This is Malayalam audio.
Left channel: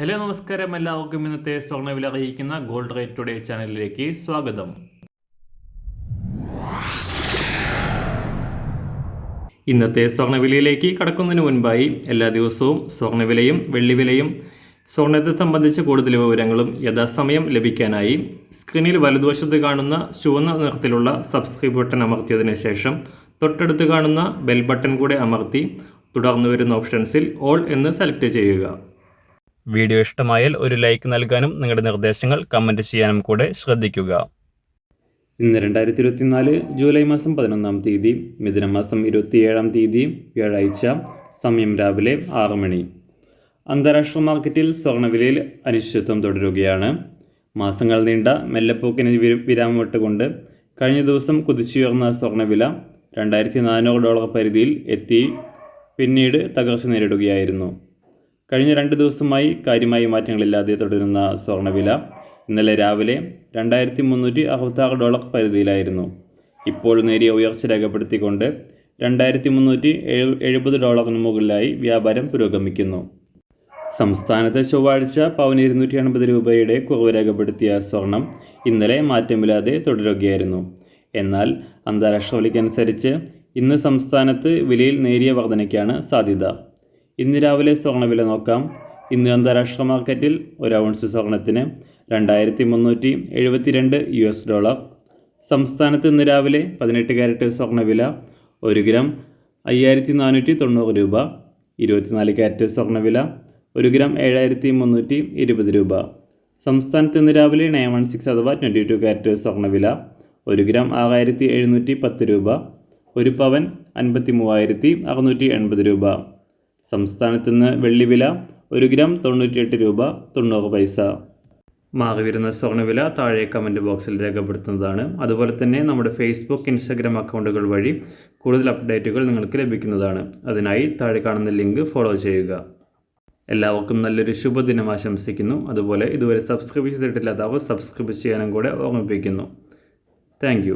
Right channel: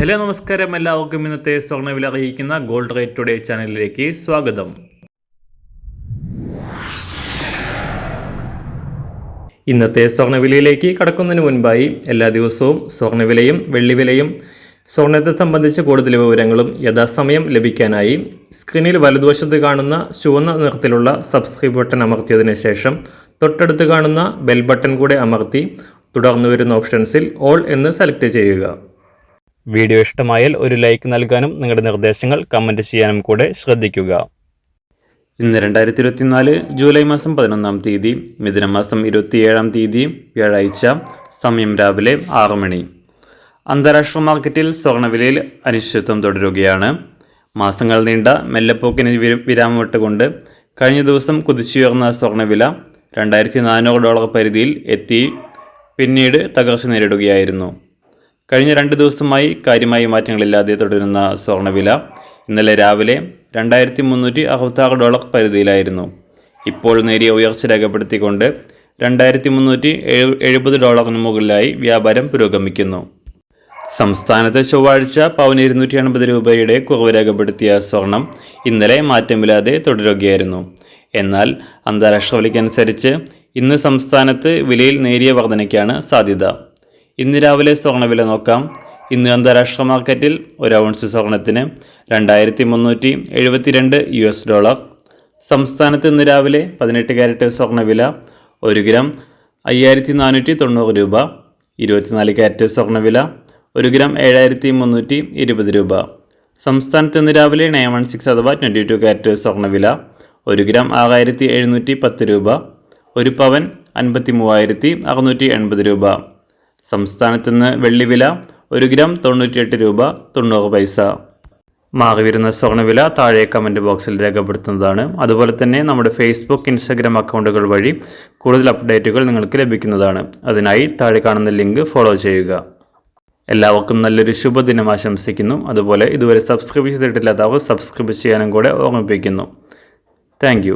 ഹലോ നമസ്കാരം, എല്ലാവർക്കും ഇന്നത്തെ സ്വർണ്ണവില അറിയിക്കുന്ന ഗോൾഡ് റേറ്റ് ടുഡേ ചാനലിലേക്ക് സ്വാഗതം. ഇന്നത്തെ സ്വർണ്ണവിലയിലേക്ക് കടക്കുന്നതിന് മുൻപായി എല്ലാ ദിവസവും സ്വർണ്ണവിലയും വെള്ളിവിലയും സ്വർണ്ണത്തെ സംബന്ധിച്ച കൂടുതൽ വിവരങ്ങളും യഥാസമയം ലഭിക്കാനായി സ്ക്രീനിൽ വലതുവശത്ത് കാണുന്ന ചുവന്ന നിറത്തിലുള്ള സബ്സ്ക്രൈബ് ബട്ടൺ അമർത്തിയതിനു ശേഷം തൊട്ടടുത്ത് കാണുന്ന ബെൽ ബട്ടൺ കൂടെ അമർത്തി തുടർന്ന് വരുന്ന ഓപ്ഷൻസിൽ ഓൾ എന്ന് സെലക്ട് ചെയ്യുക. വീഡിയോ ഇഷ്ടമായാൽ ഒരു ലൈക്ക് നൽകാനും നിങ്ങളുടെ നിർദ്ദേശങ്ങൾ കമൻറ്റ് ചെയ്യാനും കൂടെ ശ്രദ്ധിക്കുക. ഇന്ന് 2024 ജൂലൈ മാസം 11-ാം തീയതി, മിഥുനമാസം 27-ാം തീയതി, വ്യാഴാഴ്ച. സമയം രാവിലെ 6 മണി. അന്താരാഷ്ട്ര മാർക്കറ്റിൽ സ്വർണ്ണവിലയിൽ അനിശ്ചിതത്വം തുടരുകയാണ്. മാസങ്ങൾ നീണ്ട മെല്ലെപ്പോക്കിന് വിരാമമിട്ടുകൊണ്ട് കഴിഞ്ഞ ദിവസം കുതിച്ചുയർന്ന സ്വർണ്ണവില $2,400 പരിധിയിൽ എത്തി പിന്നീട് തകർച്ച നേരിടുകയായിരുന്നു. കഴിഞ്ഞ 2 ദിവസമായി കാര്യമായ മാറ്റങ്ങളില്ലാതെ തുടരുന്ന സ്വർണ്ണവില ഇന്നലെ രാവിലെ $2,366 പരിധിയിലായിരുന്നു. ഇപ്പോൾ നേരിയ ഉയർച്ച രേഖപ്പെടുത്തിക്കൊണ്ട് $2,370 മുകളിലായി വ്യാപാരം പുരോഗമിക്കുന്നു. സംസ്ഥാനത്ത് ചൊവ്വാഴ്ച പവന് 280 രൂപയുടെ കുറവ് രേഖപ്പെടുത്തിയ സ്വർണം ഇന്നലെ മാറ്റമില്ലാതെ തുടരുകയായിരുന്നു. എന്നാൽ അന്താരാഷ്ട്ര വിലയ്ക്കനുസരിച്ച് ഇന്ന് സംസ്ഥാനത്ത് വിലയിൽ നേരിയ വർധനയ്ക്കാണ് സാധ്യത. ഇന്ന് രാവിലെ സ്വർണ്ണവില നോക്കാം. ഇന്ന് അന്താരാഷ്ട്ര മാർക്കറ്റിൽ ഒരു ഔൺസ് സ്വർണത്തിന് $2,372. സംസ്ഥാനത്ത് ഇന്ന് രാവിലെ 18 കാരറ്റ് സ്വർണ്ണവില 1 ഗ്രാം 5,490 രൂപ. 24 കാരറ്റ് സ്വർണ്ണവില 1 ഗ്രാം 7,320 രൂപ. സംസ്ഥാനത്ത് ഇന്ന് രാവിലെ 916 അഥവാ 22 കാരറ്റ് സ്വർണ്ണവില 1 ഗ്രാം 6,710 രൂപ. 1 പവൻ 53,680 രൂപ. സംസ്ഥാനത്ത് നിന്ന് വെള്ളിവില 1 ഗ്രാം 98 രൂപ 90 പൈസ. മാറി വരുന്ന സ്വർണ്ണവില താഴെ കമൻറ്റ് ബോക്സിൽ രേഖപ്പെടുത്തുന്നതാണ്. അതുപോലെ തന്നെ നമ്മുടെ ഫേസ്ബുക്ക്, ഇൻസ്റ്റാഗ്രാം അക്കൗണ്ടുകൾ വഴി കൂടുതൽ അപ്ഡേറ്റുകൾ നിങ്ങൾക്ക് ലഭിക്കുന്നതാണ്. അതിനായി താഴെ കാണുന്ന ലിങ്ക് ഫോളോ ചെയ്യുക. എല്ലാവർക്കും നല്ലൊരു ശുഭദിനം ആശംസിക്കുന്നു. അതുപോലെ ഇതുവരെ സബ്സ്ക്രൈബ് ചെയ്തിട്ടില്ലാത്തവർ സബ്സ്ക്രൈബ് ചെയ്യാനും കൂടെ ഓർമ്മിപ്പിക്കുന്നു. താങ്ക്